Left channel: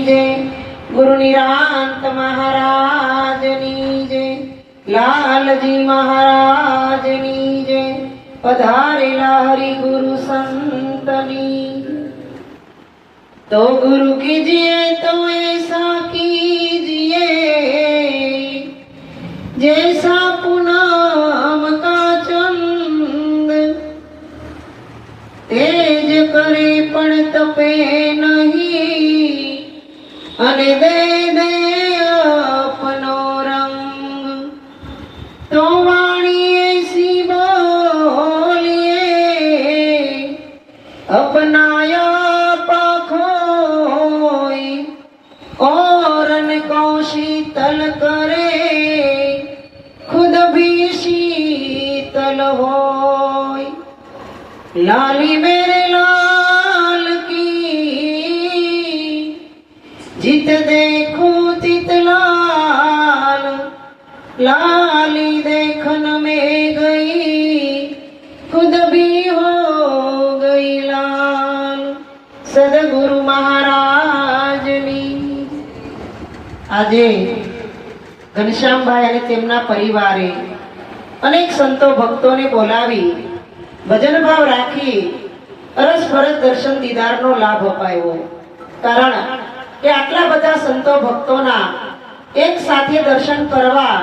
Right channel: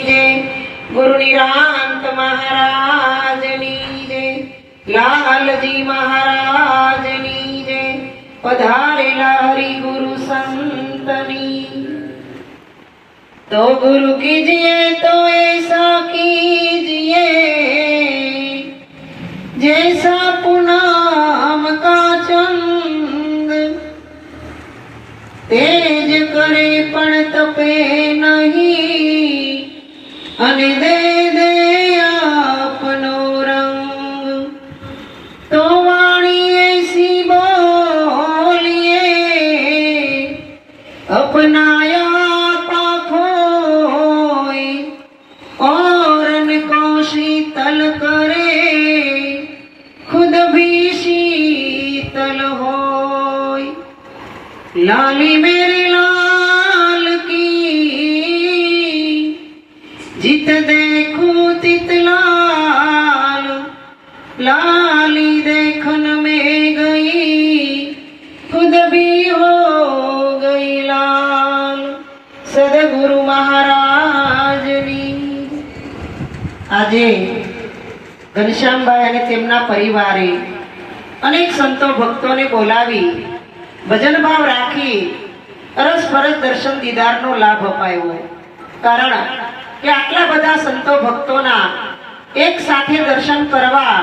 જય. ગુરુ નિરાંત મહારાજની જય. લાલજી મહારાજની જય. પધારેલા હરિ ગુરુ સંતની. તો ગુરુ કીજીએ તો એસા કીજીએ જૈસા પૂનમ કા ચંદ તેજ કરે પણ તપે. અને સદગુરુ મહારાજની. આજે ઘનશ્યામભાઈ અને તેમના પરિવારે અનેક સંતો ભક્તોને બોલાવી ભજન ભાવ રાખી અરસ ફરસ દર્શન દીદારનો લાભ અપાયો. કારણ કે આટલા બધા સંતો ભક્તોના એક સાથે દર્શન કરવા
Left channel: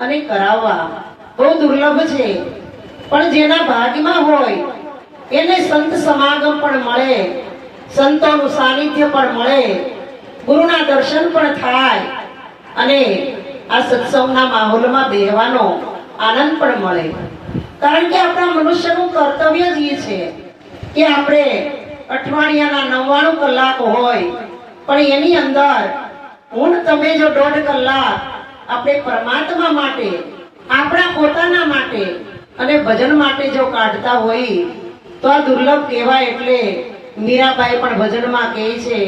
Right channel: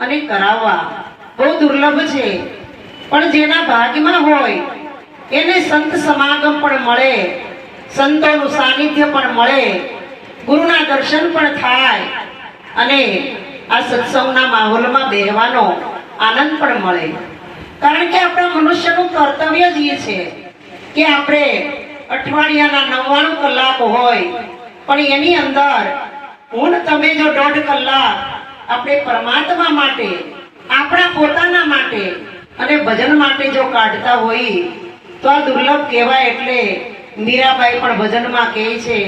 અને કરાવવા બહુ દુર્લભ છે. પણ જેના ભાગમાં હોય, એને સંત સમાગમ પણ મળે સંતોનું સાનિધ્ય પણ મળે, ગુરુના દર્શન પણ થાય, અને આ સત્સંગના માહોલમાં બેહવાનો આનંદ પણ મળે. કારણ કે આપણા મનુષ્યનું કર્તવ્ય જ એ છે કે આપણે અઠવાડિયાના નવ્વાણું કલાક હોય, પણ એની અંદર હું તમે જો દોઢ કલાક આપણે પરમાત્મા માટે, આપણા પોતાના માટે અને ભજન માટે જો કાઢતા હોઈ તો આ દુર્લભ કહેવાય એટલે મીરાબાઈ પણ ભજનમાં કહે છે,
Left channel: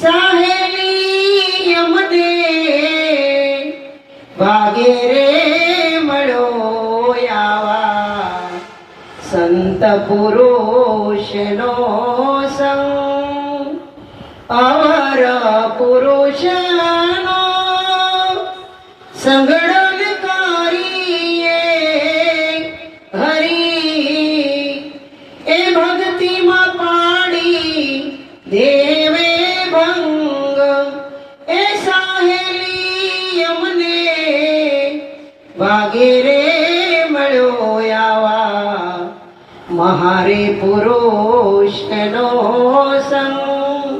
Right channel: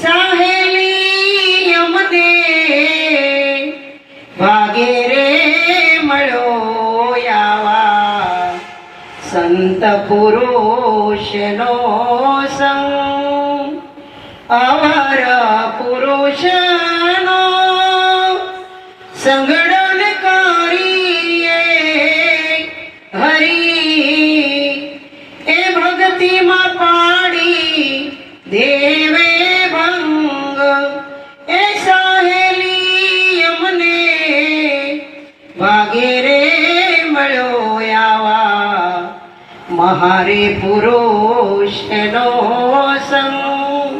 સાહેલી યમને ભાગે રે મળ્યો આવા સંત પુરુષનો સંગ, અવર પુરુષનો સંગડન મહારે પુરુષનો સમૂહ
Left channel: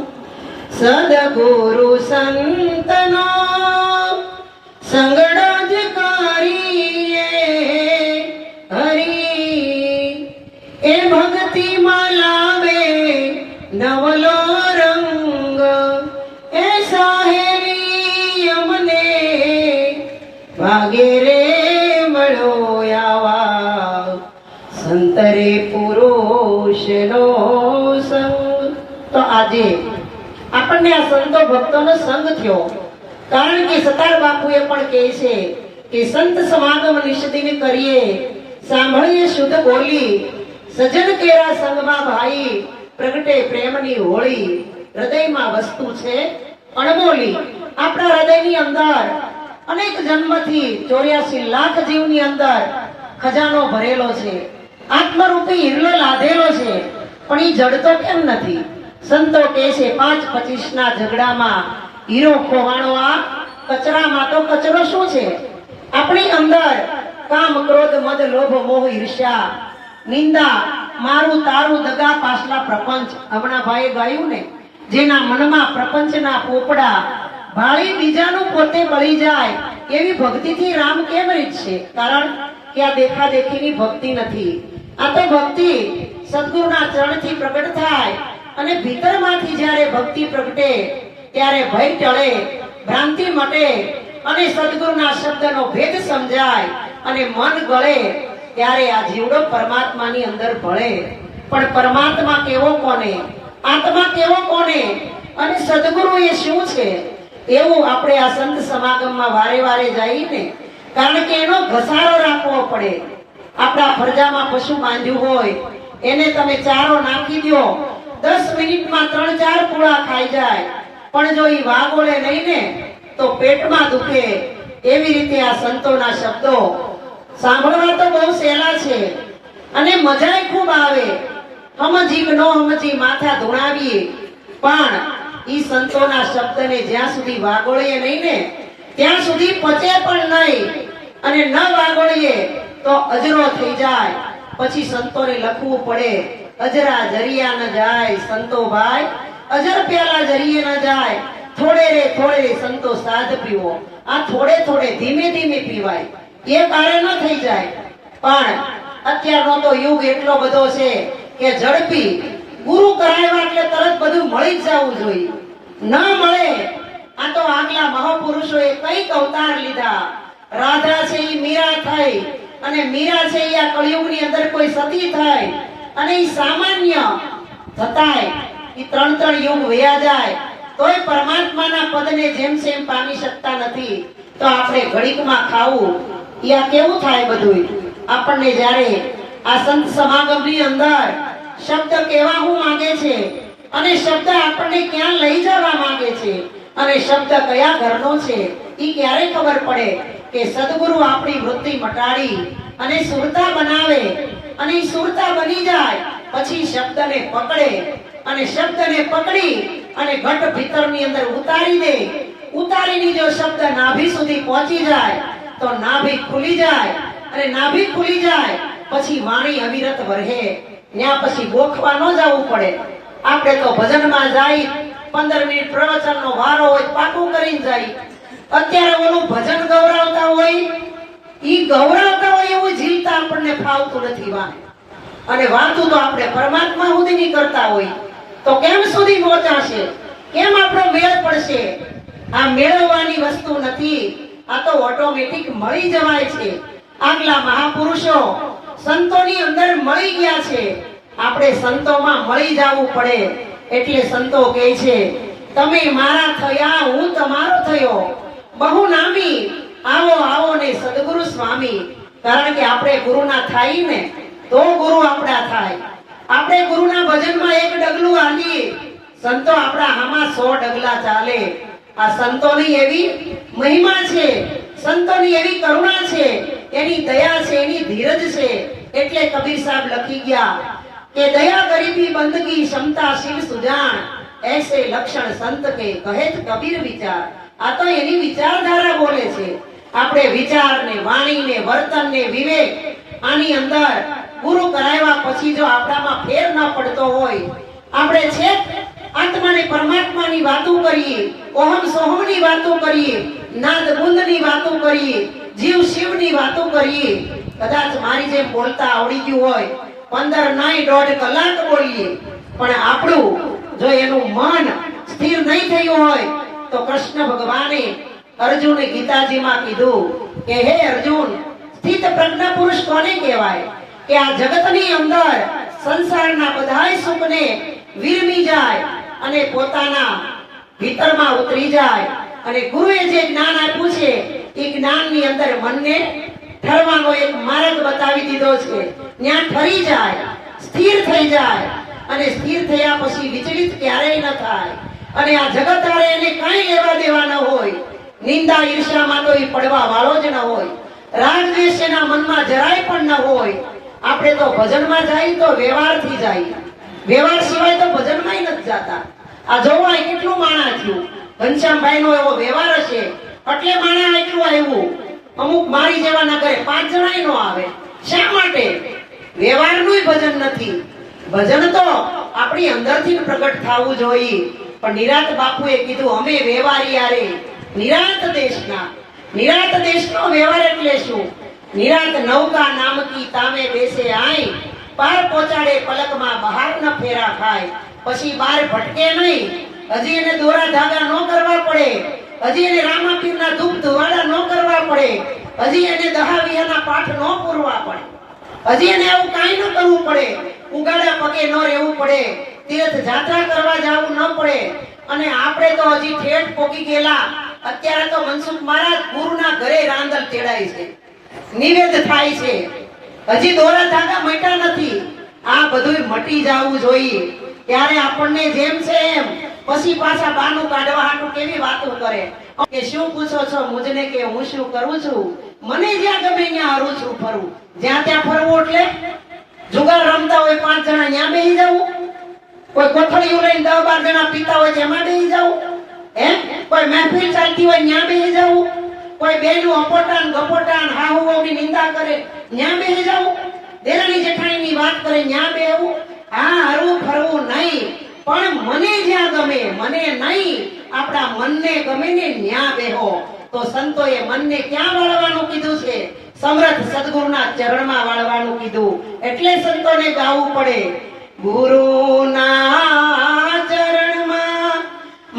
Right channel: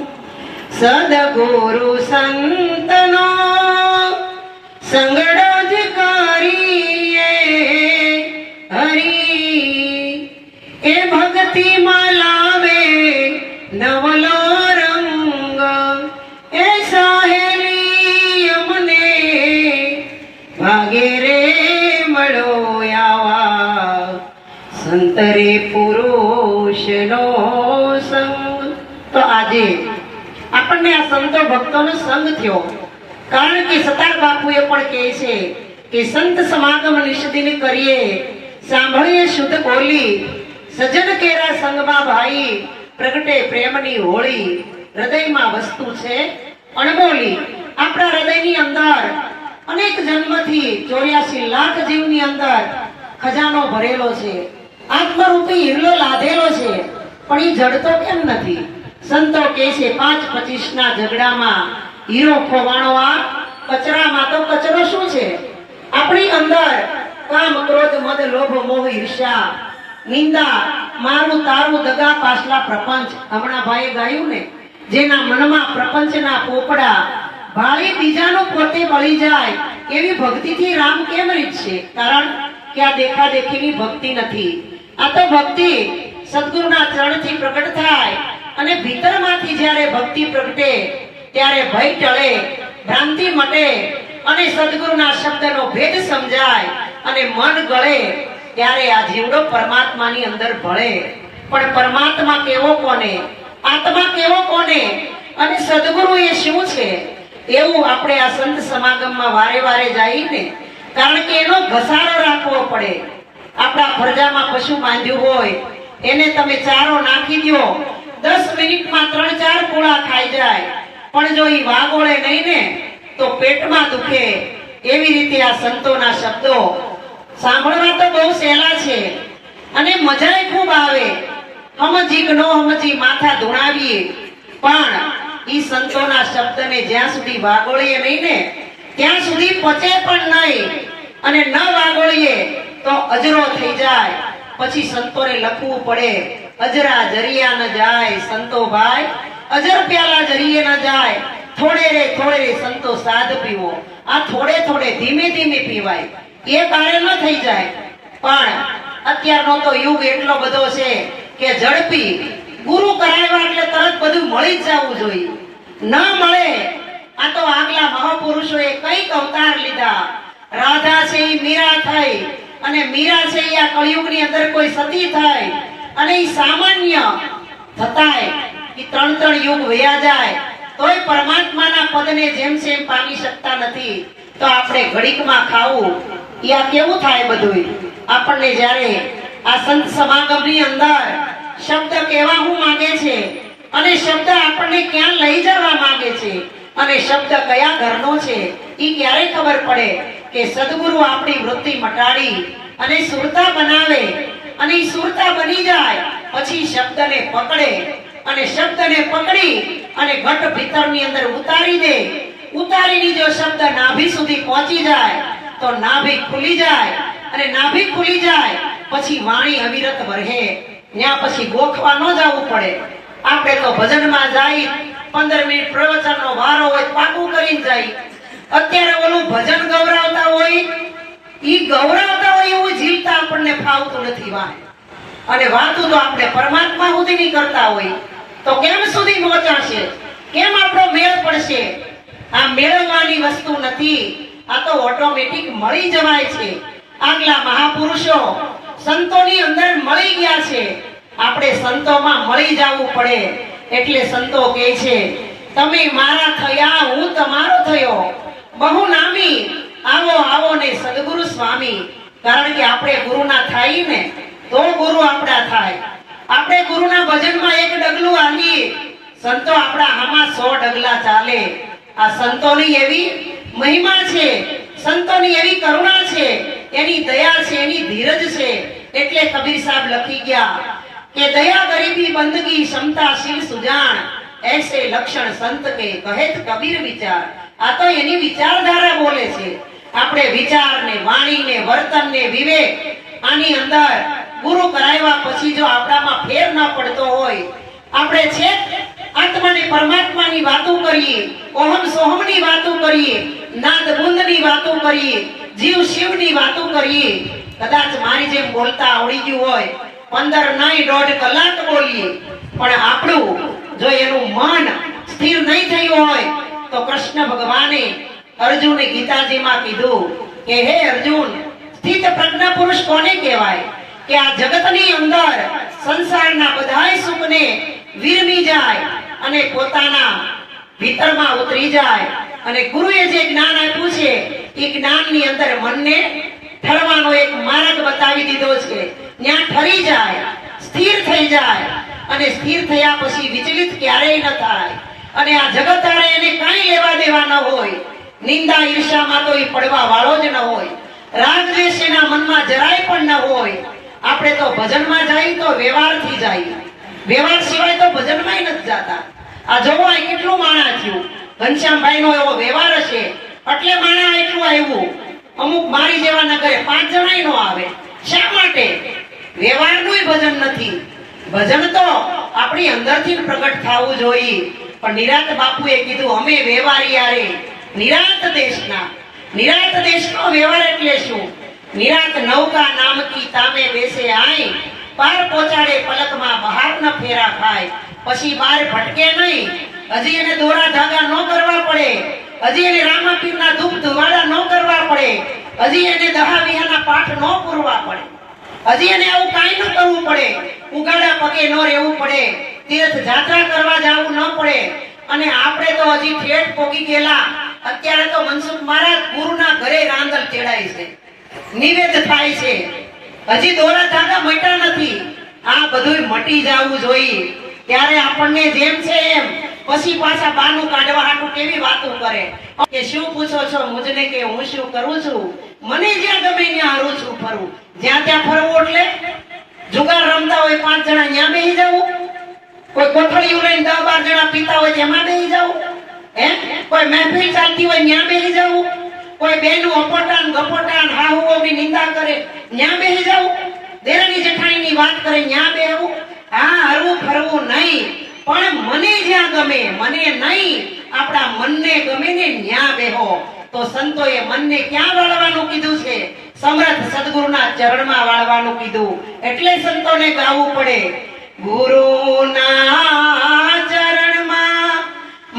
સદગુરુ સંતરે પુરુષનો સંગ. તો આજે આપણને આ સંતો ભક્તોનો સંગ થયો. કારણ કે સતાર બાપુએ પણ કહે છે કે સંત સમાગમ નિષ્દિન કરીએ. સાંભળીએ શુદ્ધ બોલી. સજન કેરા સંગમાં ભાઈ, પ્રગટે પ્રેમની હોળી. હૃદયમાં વસ્તુ છે અણમોલી આપણા હૃદયની અંદર અનેક જન્મથી ચોર્યાસી લાખ જીવની અંદર ખજાનો ભરેલો છે. આત્મરૂપી હિરલો લાધેલો છે. પણ એ જડતો કેમ નથી? સંતો કહે છે, પાંચ પચીસ ના ઝઘડામાં હીરો ખોવાણો આ, કચરામાં તો કચરો શું છે? આપણી અંદર કામ, ક્રોધ, મદ, લોભ, મોહ, ઈર્ષ્યા, નિંદા, મારું તારું દગા પાછલા પ્રપંચ. હમણાં ભાઈએ ગાયું ને, જેના મનમાં પ્રપંચના પોપડા ભાળી બીજાનું પોતે બળી જાય, એવી ભક્તિથી રામ કેમ રીતશે? કારણ કે આ દેખા દેખીની ભક્તિ નથી. આ તો ભક્તિ સદગુરુના ચરણથી પ્રગટ થાય અને ભીતરમાંથી જ્યારે ભક્તિ પ્રગટે, ત્યારે ભય ટળે, ભ્રાંતિ મટે અને સદગુરુના શબ્દનો ભેદ સમજાય અને મન ગળે, ત્યારે આ જીવડો પરમાત્માની અંદર ભળે. પણ પરમાત્મા કેવો કોને? આત્મા કેવો કોને? અને સદગુરુ એ શું છે? એવું આપણે આ સંત સમાગમમાં વારે વારે જઈને, કારણ કે એનો ઘસારો રાખવો પડે. આપણા ફરજામાં પશુ બાંધ્યું હોય, એને તમે ચારો નાખી દો. દસ મિનિટમાં ત્રણ ચાર પૂળા ખાઈ જાય. પણ જો એ વાગોળે નહીં ને, તો પેટમાં દુખે. એવી રીતે આ સંતોના શબ્દો. સાંભળવા તો બહુ સહેલા છે. અને મજાય ખૂબ આવે. હમજીક નો સમજી માથા ધુણાવીએ. પણ ઈ સંતોના શબ્દને જ્યાં સુધી વાગોળીએ નહીં ને, ત્યાં સુધી પચે પણ નહીં. અને ન વાગોળીએ તો અજરો થઈ જાય. પછી સંતોને લખવું પડે. અજરા જરિયા ન જાય સંતો ભાઈ. અજર પ્યાલા જરીએ ન જાય. થોડે રે થોડે રે સંતો સાધ પીવો. આ થોડે થોડે ધીમે ધીમે પીવાય. એ બારે ન થઈ જાય. પણ અત્યારનો તો યુગ એટલો બધો છે કે ઝડપી. ગુરુ કરાવ્યા એટલે તરત બધું મળી જ જવું જોઈએ. ન મળે, આ તો આગલા મહાપુરુષોએ કંઈક અવતાર લીધા. રાધા છે મીરા થઈ. અને મીરા છે એ આ કળિયુગની અંદર કોઈ સતી થાય અને એ સામાન્ય થતાય. એ ત્રણ ત્રણ યુગ વયા જાય. તોય પરમાત્માના પદને જેમ જેમ પામી શકતા નથી. તો આપણે ઘડીકમાં ખાવું. એ આ કેવું થાય બધું આપણને જ્યારે આ સંત સમાગમની અંદર શબ્દ કેવા હું માંગે છે અને શબ્દ આપણને ક્યાં લઈ જવા માંગે છે અને શબ્દ કયા ઘરનો છે એ ક્યારે ખબર પડે? કે સદગુરુ આપણી વૃત્તિ મટાડી અને સુરતા બનાવે. અને સુરતા બની જાય, પછી શબ્દને પકડે. અને શબ્દને પકડી અને ઘટ ભીતરની અંદર ઉતારી દે. ઉતારીની જો શબ્દ નાભી સુધી પહોંચી જાય, તો નાભી ખુલી જાય. અને નાભી ખુલી જાય, પછી વાણી અવિરત વરહે. ત્યાં પછી ગોખવા ન જવું પડે. આપણે તો ભજનમાં જાય, પંદર મિનિટ પ્રવચનનો વારો હોય, પાકું કરીને જાય. અત્યારે ઓલું ભજન ગૌરાવતા હોય, ઈ ગૌરાવતા હોય એવું જીવતા આપણને ફાવતું નથી વાય અને વાતું તો આપણે પરમાત્મા સુધીની કરતા હોય. તો કેમ સુધી પહોંચાશે? કેમ આપણો મેળ પડશે? આ મેળવવાની વસ્તુ નથી. આ તો ઓટોમેટિક મળી જવાય છે. આગલા મહાપુરુષો સંતોની અંદર મળી ગયા છે. આપણે સંતોમાં મળી જવું પડે. એટલે સંતો કહે છે, તમે મારા થયા, હું તમારો થયો. બહુ નામી. આવો આવો ને સદગુરુ સ્વામી. કારણ કે આપણે ગુરુના થાય ને, તો ગુરુ આપણા થાય. આપણે ગુરુના ભજનમાં એક ડગલું હાલીએ સંતો આપણા હામાં સો ડગલા ચાલે. આ સંતોની એવી મહિમા છે. સંતોની એવી કરુણા છે. એની દયા છે, એની ધીરજ છે. એટલે કબીર સાહેબ લખી ગયા કે દયા ગરીબી બંદગી ક્ષમતા શિવ સુજાણ. એસે લક્ષણ સંત કે કહેત કબીર વિચાર. આ તો એની વિચારધારા બોલે છે. આપણે વિચાર ને વાણી ને વર્તન ને વિવેક આની અંદર ગુરુ કરાવ્યા પછી જો આપણામાં ફેર ન પડતો હોય, આપણે છે આત્માની પરમાત્માની વાતો કરીએ, ઓહમ સોહમની વાતો કરીએ, નાદ બુંદની વાતો કરીએ, જીવ શિવની વાતો કરીએ. કદાચ મારી જેમ બોલતા આવડી ગયું હોય, પંદર નહીં દોઢ કલાક બોલીએ, પણ આપણું જો એનું મન સ્થિર નહીં થયું હોય તો કૃષ્ણ ભગવાને અર્જુને ગીતાજીમાં કીધું કે, હે અર્જુન, સ્થિત પ્રજ્ઞ પુરુષ કોને કહેવાય? કે આ જગતની અંદર સંસારના બધાય સુખને વિરમી જાય અને પોતાના ભીતરમાં ઉતરી જાય. અને ગુરુએ જે જ્ઞાન આપ્યું છે, એ જ્ઞાનની અંદર મનને ઠરવાનો એક માર્ગ બતાવી દીધો છે. ત્યાં ઠરી જાય, સ્થિર થઈ જાય અને સ્થિર થયા પછી વિચલિત ક્યારેય ન થાય. અને આ જગતારે એને કાંઈ લેવા દેવા ન હોય. નિંદા ઈર્ષામાં તો એ પડવા વાળો જ ન હોય. રાગ દ્વેષ એના મનમાં જરાય પણ ન હોય. આપણે તો ભજનમાં જાય તો વ્યવહારથી જાય. વ્યવહાર સિવાય તો ભજનમાં નથી જાતા. આ જોવો કેટલું માણા થયું. ઘનશ્યામભાઈ નો એવો વ્યવહાર હશે. એટલે માણા એટલું આવ્યું. અમુક મારી જેવા ના કરે પાંચ જણાય નો આવે. શા માટે? વ્યવહારનું ભજન નથી. ભજન તો આપણી અંદરથી પ્રગટ થવું જોઈએ. પણ નિરાત બાપુએ કીધું, અમે વેવારી યારે. નિરાત દેશના. નિરાત દેશનો વ્યવહાર એટલે શું? નિરાત નૌકા નામકી તામે બેસે આઈ. પાર પહોંચાડે પલકમાં બહાર ન ફેરા ખાય. પછી બાર ભટકે નહીં. હજી એને દોરા ધાગા ન કરવા પડે. હજી એને રામાપીરના ધૂપ ધુવાડા ન કરવા પડે. હજી એને દહા વિહાના પાઠ ન પૂરવા પડે. હજી એને આવું કાંઈ ન કરવું પડે. ઉગાડા પગે ન રહેવું પડે. તીર્થ જાત્રા કરવા જવું ન પડે. અને આપણે તો હજી ઠેઠ પોગી ગયેલા. અત્યારે તો મનસુખ મહારાજ ગુરુના ઘરે રાંદલ ચેડાય છે. નિવેદ થાય છે. હજી દોરા ધાગા મટ્યા નથી. આ બધું મટી જવું જોઈએ. ત્યારે આપણને જેમ છે એમ પછી પાછા બાનું કાઢવા હાટું કેવી વાતો કરે? કે શું પૂછો છો મુજને કે હું શું કરું છું? મને જ્યાં ગમે ત્યાં હારું છું ફરું. જ્યાં ત્યાં ફરવું એટલે જુગાર રમતા હોય પાંચ જણા ત્યાં બેસી જવું. કોઈ કોથળીઓ લઈને દસ બાર જણા પીતા હોય એમાં બેસી જવું હે? કોઈ મહેફિલ ચાલતી હોય ત્યાં બેસી જવું કોઈ બેનું અપોટાન, ગપોટાન, હાહુઓની નિંદા કરે, ત્યાં બેસી જવું દેરાની જેઠાણીની વાત કરે, ત્યાં બેહવું હા, હરવું ફરવું નહીં. પણ મને જ્યાં ગમે, મને નહીં. આપણા મનને ગમે ને ત્યાં બેહો. તો સંતોએ મનને ક્યાં વાળવાનું કીધું છે? સમર્થ સદગુરુના ચરણમાં વાળવાનું કીધું. એટલે સંતોને ગાવું પડે. ગુરુના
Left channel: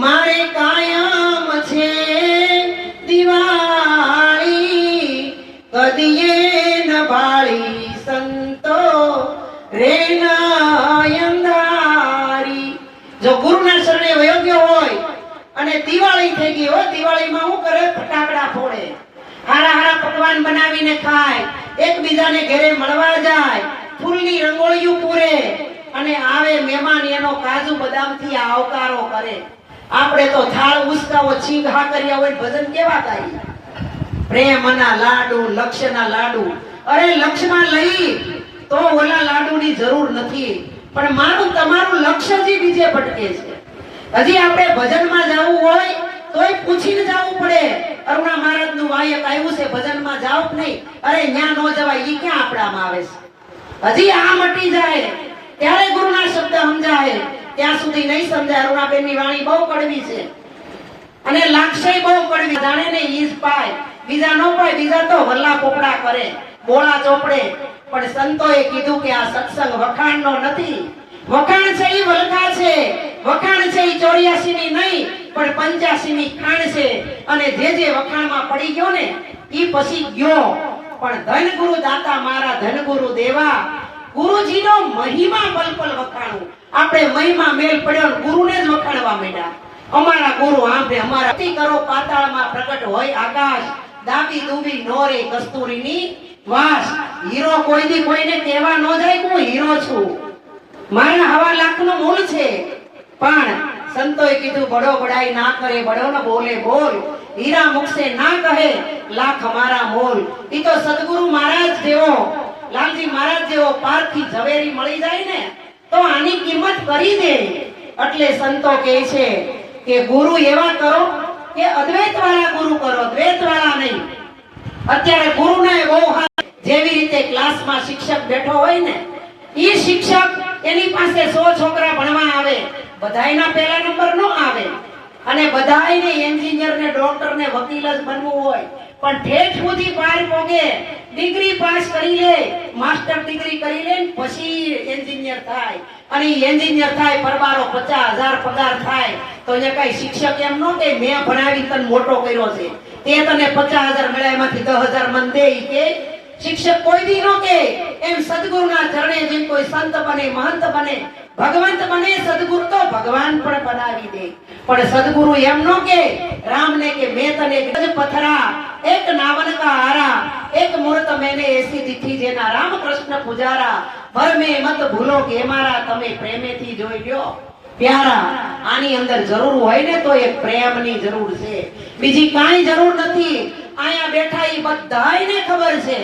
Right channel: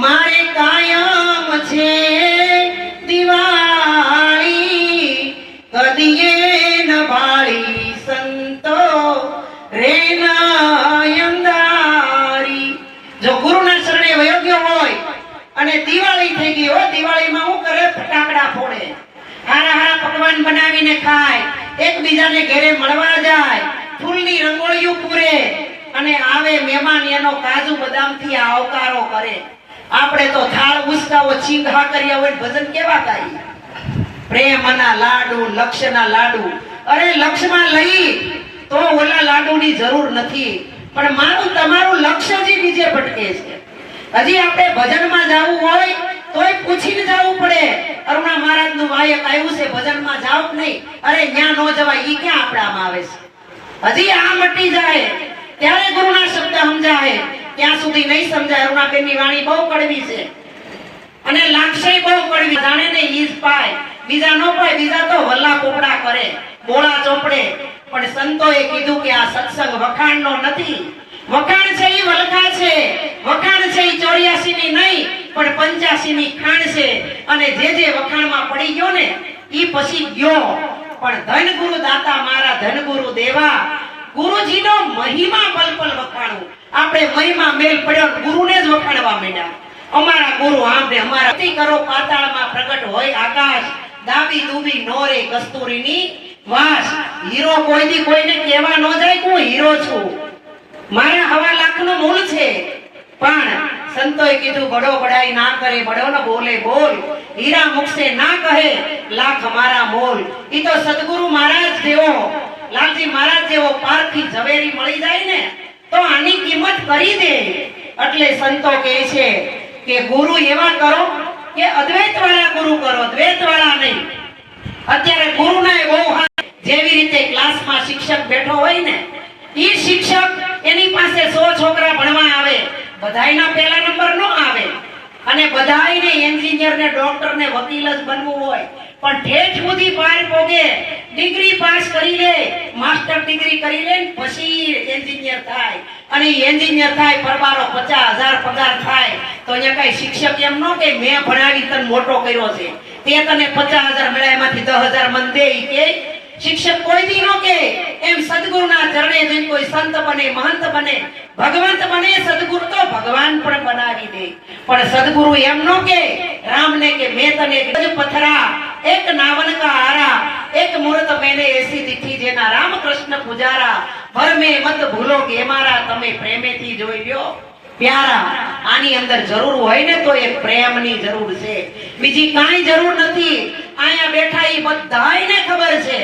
મારે કાયમ છે. દિવાળી કદીએ ન સંતો, રે જો ગુરુના શરણે વયો હોય અને દિવાળી થઈ ગઈ હોય, દિવાળીમાં શું કરે ફટાકડા ફોડે. હારા હારા પકવાન બનાવીને ખાય, એકબીજાને ઘરે મળવા જાય, ફૂલની રંગોળીઓ પૂરે. અને આવે મહેમાન એનો કાજુ બદામથી આવકારો કરે. આપણે તો થાળ ઉસકાવો, છીંક હા કર્યા હોય ભજન કેવા ગાઈએ પ્રેમના લાડુ, લક્ષના લાડુ. અરે લક્ષ્યમાં લઈ, તો ઓલા લાડુની જરૂર નથી. પણ મારું, તમારું લક્ષ્ય જ બીજે ભટકે છે. હજી આપણે ભજનમાં જવું હોય, તોય પૂછીને જવું પડે. અરુણા મહારાજનું વાયક આવ્યું છે, ભજનમાં જાવ નહીં? અરે ન્યા નો જવાય, ઈ ક્યાં આપણામાં આવે છે? હજી આ મટી જાય. ત્યારે ગુરુના શબ્દ સમજાવે. ત્યાં સુધી નહીં સમજાય. અરુણાબેનની વાણી બહુ કડવી છે. અને લાગશે બહુ કડવી. જાણે ને ઈજ પાય. બીજા ન પાય, બીજા તો વલ્લા પોપડા કરે. બોળા ચોપડે. પણ સંતોએ કીધું કે આ સત્સંગ વખાણનો નથી. વખાણ છે ઈ વલખા છે. વખાણ છે ઈ ચોર્યાસી ની નહીં, પણ પંચ્યાસી ની ખાણ છે. અને જે જે વખાણમાં પડી ગયો ને, ઈ પછી ગયો. પણ ધન ગુરુ દાતા મારા ધન ગુરુ દેવા ગુરુજીનો મહિમા પલપલ પલ વખાણું. આપણે મહિમા મેલ પડ્યો ગુરુને જ વખાણવા માંડ્યા. અમારા ગુરુ આંબે અમારા અતિ કરો પાતાળમાં પ્રગટ હોય આકાશ દાબી દુબી નોરે કસ્તુરીની વાસ. હીરો કોઈથી કોઈને કહેવા ન જાય હું હીરો છું. મારે હવા લાખનું મૂળ છે. પણ સંતોએ કીધું, બડો બડાઈ ના કરે, બડો ન બોલે, બોલ. હીરા મુખસે ના કહે, લાખ અમારા મોલ. ઈ તો સદગુરુ મહારાજ જેવો લાલજી મહારાજ જેવો પારખી ઝવેરી મળી જાય ને, તો આની કિંમત કરી દે. એટલે સંતો કહે છે કે ગુરુ એવા કરો કે અદ્વૈત વાળા ગુરુ કરો દ્વૈત વાળા નહીં. અત્યારે ગુરુના બહુ જેવી રીતે ક્લાસમાં શિક્ષક બેઠો હોય ને એ શિક્ષક એની પાસે સો છોકરા ભણવા આવે, બધાયના પહેલા નંબર નો આવે. અને બધાને એન્જિનિયર ને ડોક્ટર ને, વકીલ જ બનવું હોય. પણ ઠેઠ સુધી પાર પોગે, ડિગ્રી પાસ કરી લે, માસ્ટર ડિગ્રી કરી લે પછી એન્જિનિયર થાય. અને એન્જિનિયર થાય, પરબારો પચાસ હજાર પગાર થાય. તો અહીંયા કઈ શિક્ષક એમ નો કે મેં ભણાવી તને મોટો કર્યો છે. તે તને પચાસ હજાર મળ્યા, એમાંથી દસ હજાર મન દે કે શિક્ષક કોઈ દી નો કે એમ સદગુરુના ચરણે જઈ કોઈ સંત બને, મહંત બને, ભગવંત બને, સદગુરુ તો ભગવાન પણ બનાવી દે. પણ સદગુરુ એમ નો કે રામને કે મેં તને ગજ પથરા, એક નાવન કા આરા એક મૂર્ત મેને એસી દીઠી જેના રામ કૃષ્ણ પુજારા ભર મે મત ભૂલો કે મારા તમે પ્રેમેથી જોઈ લ્યો. પ્યારા, આની અંદર જરૂર હોય ને તો એ પ્રેમની જરૂર છે. બીજી કાંઈ જરૂર નથી. અહીંયા બેઠા એ બધાને ખબર છે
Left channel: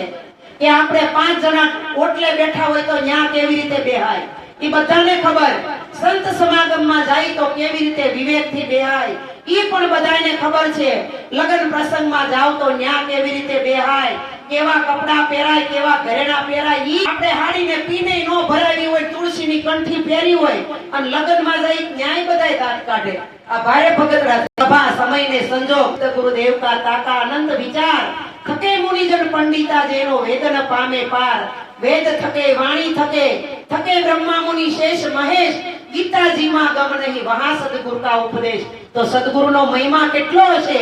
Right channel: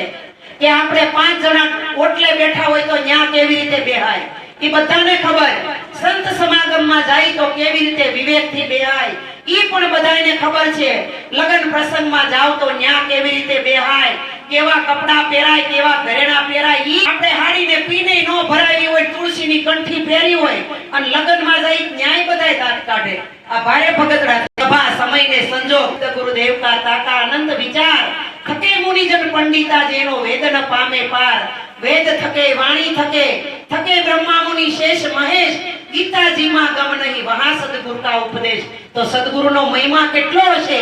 કે આપણે પાંચ જણા ઓટલે બેઠા હોય તો ન્યા કેવી રીતે બેહાય? એ બધાને ખબર. સંત સમાગમમાં જાય તો કેવી રીતે વિવેકથી બેહાય? એ પણ બધાને ખબર છે. લગ્ન પ્રસંગમાં જાવ તો ન્યા કેવી રીતે બેહાય? કેવા કપડા પહેરાય, કેવા ઘરેણા પહેરાય, ઈ આપણે હાડીને પીને નો ભરાવી હોય, તુલસીની કંઠી પહેરી હોય, અને લગ્નમાં જઈ ન્યાય બધાય દાંત કાઢે. આ ભારે ભગતડા સભા, સમયને સંજોગ ગુરુદેવ કા તાતા આનંદ વિચાર. થકે મુનિજન પંડિતા જેનો વેદન પામે પાર. વેદ થકે, વાણી થકે થકે બ્રહ્મા મુનિ શેષ મહેશ. ગીતાજીમાં ગમ નહીં, વહા સદગુરુ કા ઉપદેશ. તો સદગુરુનો મહિમા કેટલો હશે?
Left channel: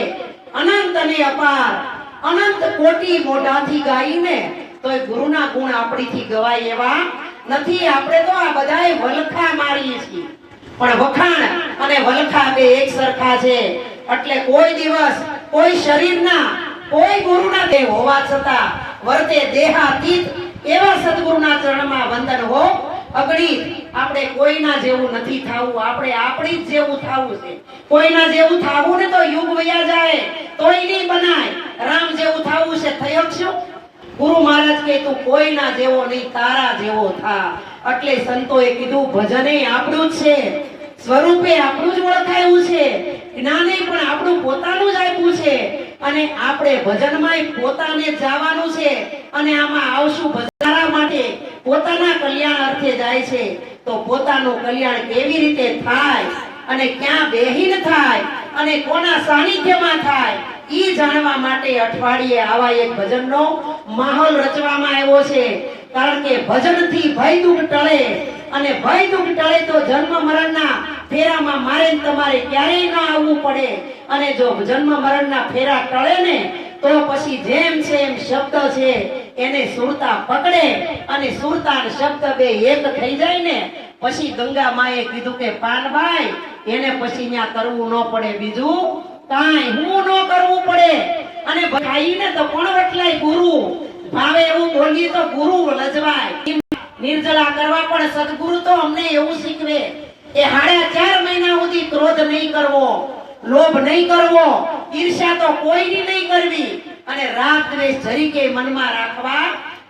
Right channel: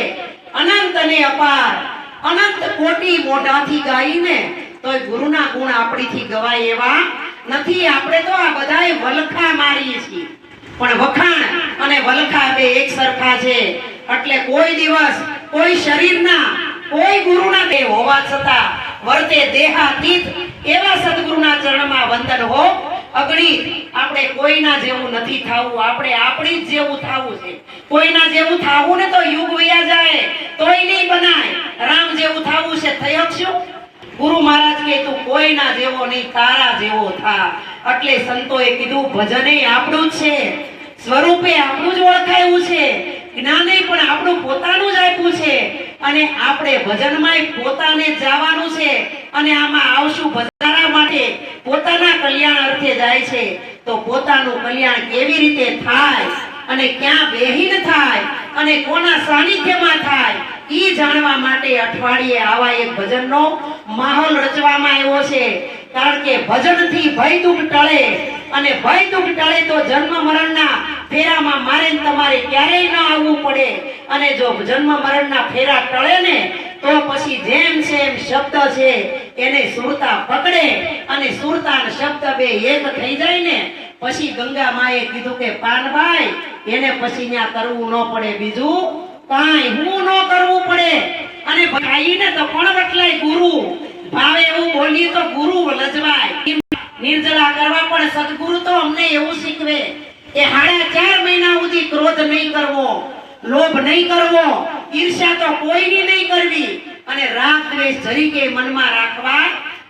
અનંત અને અપાર. અનંત કોટી મોઢાથી ગાઈને તો ગુરુના ગુણ આપણીથી ગવાય એવા નથી. આપણે તો આ બધાએ વલખા મારીએ છીએ. પણ વખાણ અને વલખા બે એક સરખા છે. એટલે કોઈ દિવસ કોઈ શરીરના કોઈ ગુરુના દેહ હોવા છતાં વર્તે દેહાતીત એવા સદગુરુના ચરણમાં વંદન હો. અગણિત આપણે કોઈના જેવું નથી થવું, આપણે આપણી જેવું થવું છે. કોઈના જેવું થવું ને તો યુગ વયા જાય, તોય નહીં બનાય રામ જેવું થવું છે, થઈ શકશું ગુરુ મહારાજ કે તું કોઈના જેવો નહીં, તારા જેવો થા. એટલે સંતોએ કીધું, ભજને આપણું જ છે. સ્વરૂપે આપણું જ ઓળખાયું છે. જ્ઞાને પણ આપણું પોતાનું જ આપ્યું છે. અને આપણે ભજનમાં પોતાને જવાનું છે. અને આમાં આવશું પોતાના કલ્યાણ અર્થે જાય છે, તો પોતાનું કલ્યાણ કેવી રીતે થાય અને ક્યાં બેહીન થાય અને કોના સાનિધ્યમાં થાય એ જાણવા માટે અઠવાડિયે આવા એક ભજનનો માહોલ રચવામાં આવ્યો છે. કારણ કે ભજનથી ભય દુઃખ ટળે અને ભય દુઃખ ટળે તો જન્મ મરણના ફેરામાં મારે તમારે ક્યારેય ન આવવું પડે. અને જો જન્મ મરણના ફેરા ટળે ને, તો પછી જેમ છે એમ શબ્દ છે એને સુરતા પકડે અને સુરતા શબ્દ બે એક થઈ જાય ને, પછી ગંગા માએ કીધું કે, પાનભાઈ, એને પછી ત્યાં કરવું ન પડે બીજું. કાંઈ હું ન કરવું પડે. અને ભાઈને તો પણ રટલાય ગુરુ. ભાવે એવું બોલીએ તો ગુરુ લજવાય. નિર્જળા કરવા પણ સદગુરુ તો અમને એવું શીખવે. એ હાડા ચાર મહિના સુધી ક્રોધ નહીં કરવો, લોભ નહીં કરવો, ઈર્ષ્યા તો કોઈની નહીં કરવી. અને રાગ દ્વેષ જરીકે મનમાં રાખવા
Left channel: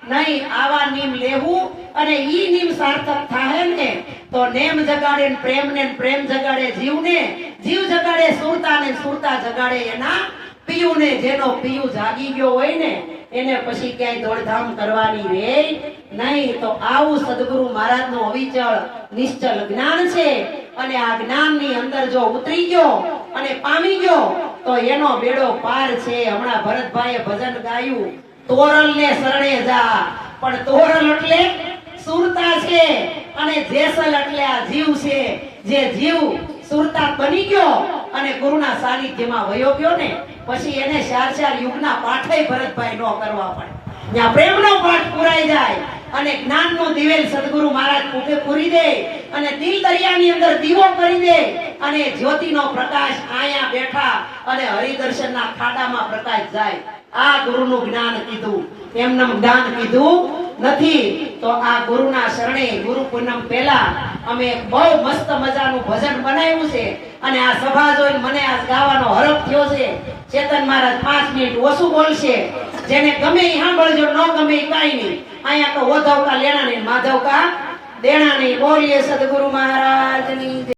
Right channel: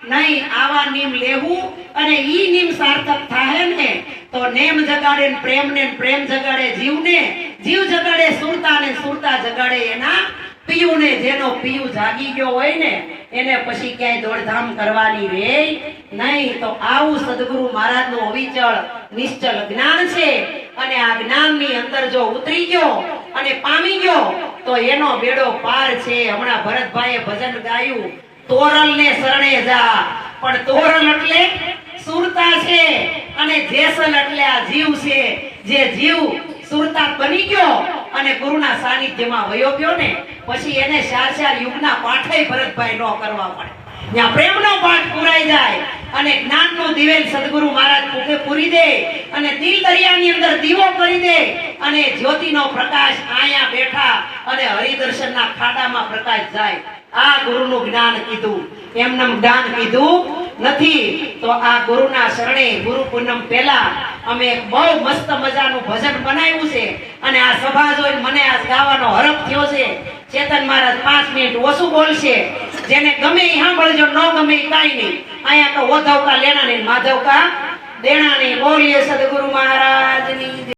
નહીં, આવા નિયમ લેવું અને ઈ નિયમ સાર્થક થાય ને, તો નેમ જગાડે પ્રેમ ને પ્રેમ જગાડે જીવને, જીવ જગાડે સુરતા ને સુરતા જગાડે એના પિયુને, જેનો પિયુ જાગી ગયો હોય ને, એને પછી ક્યાંય દોડધામ કરવાની રે નહીં. તો આવું સદગુરુ મહારાજનું અવિચળ, નિશ્ચલ જ્ઞાન છે. અને આ જ્ઞાનની અંદર જો ઉતરી ગયો અને પામી ગયો તો એનો બેડો પાર છે. હમણાં ભરતભાઈએ ભજન ગાયું. તોરલ ને શરણે જા. પણ તોરલ એટલે સુરતા છે અને જેસલ એટલે આ જીવ છે. જે જીવ સુરતા બની ગયો અને ગુરુના સાનિધ્યમાં વયો ગયો ને, પછી એને ચાર ચાર યુગના પાઠય ભરતભાઈ નો કરવા પડે. ત્યાં પ્રેમનો પાઠ પુરાઈ જાય અને જ્ઞાનનું દિવેલ સદગુરુ મહારાજ પૂરી દે અને દિલ દરિયાની અંદર દીવો કરી દે અને જ્યોતિનો પ્રકાશ આયા બેઠા અને હરિદર્શનના ખાડામાં પ્રકાશ જાય. આ ગુરુનું જ્ઞાન કીધું. એમનું જ્ઞાન કીધું નથી તો આ ગુરુના શરણે ગુરુ પૂનમ પહેલા અમે એક બહુ મસ્ત મજાનું ભજન બનાવ્યું છે અને આ સભા જોઈને મને આ ગાવાનો હરખ થયો છે. ચેતન મહારાજ પાંચ મિનિટ ઓછું બોલશે. જેને ગમે એ સાંભળજો, ન ગમે એ કાંઈ નહીં. અહીંયા તો ઓધવકા લેણા નહીં માધવકા દેણા નહીં બોલીએ સદગુરુ મહારાજની.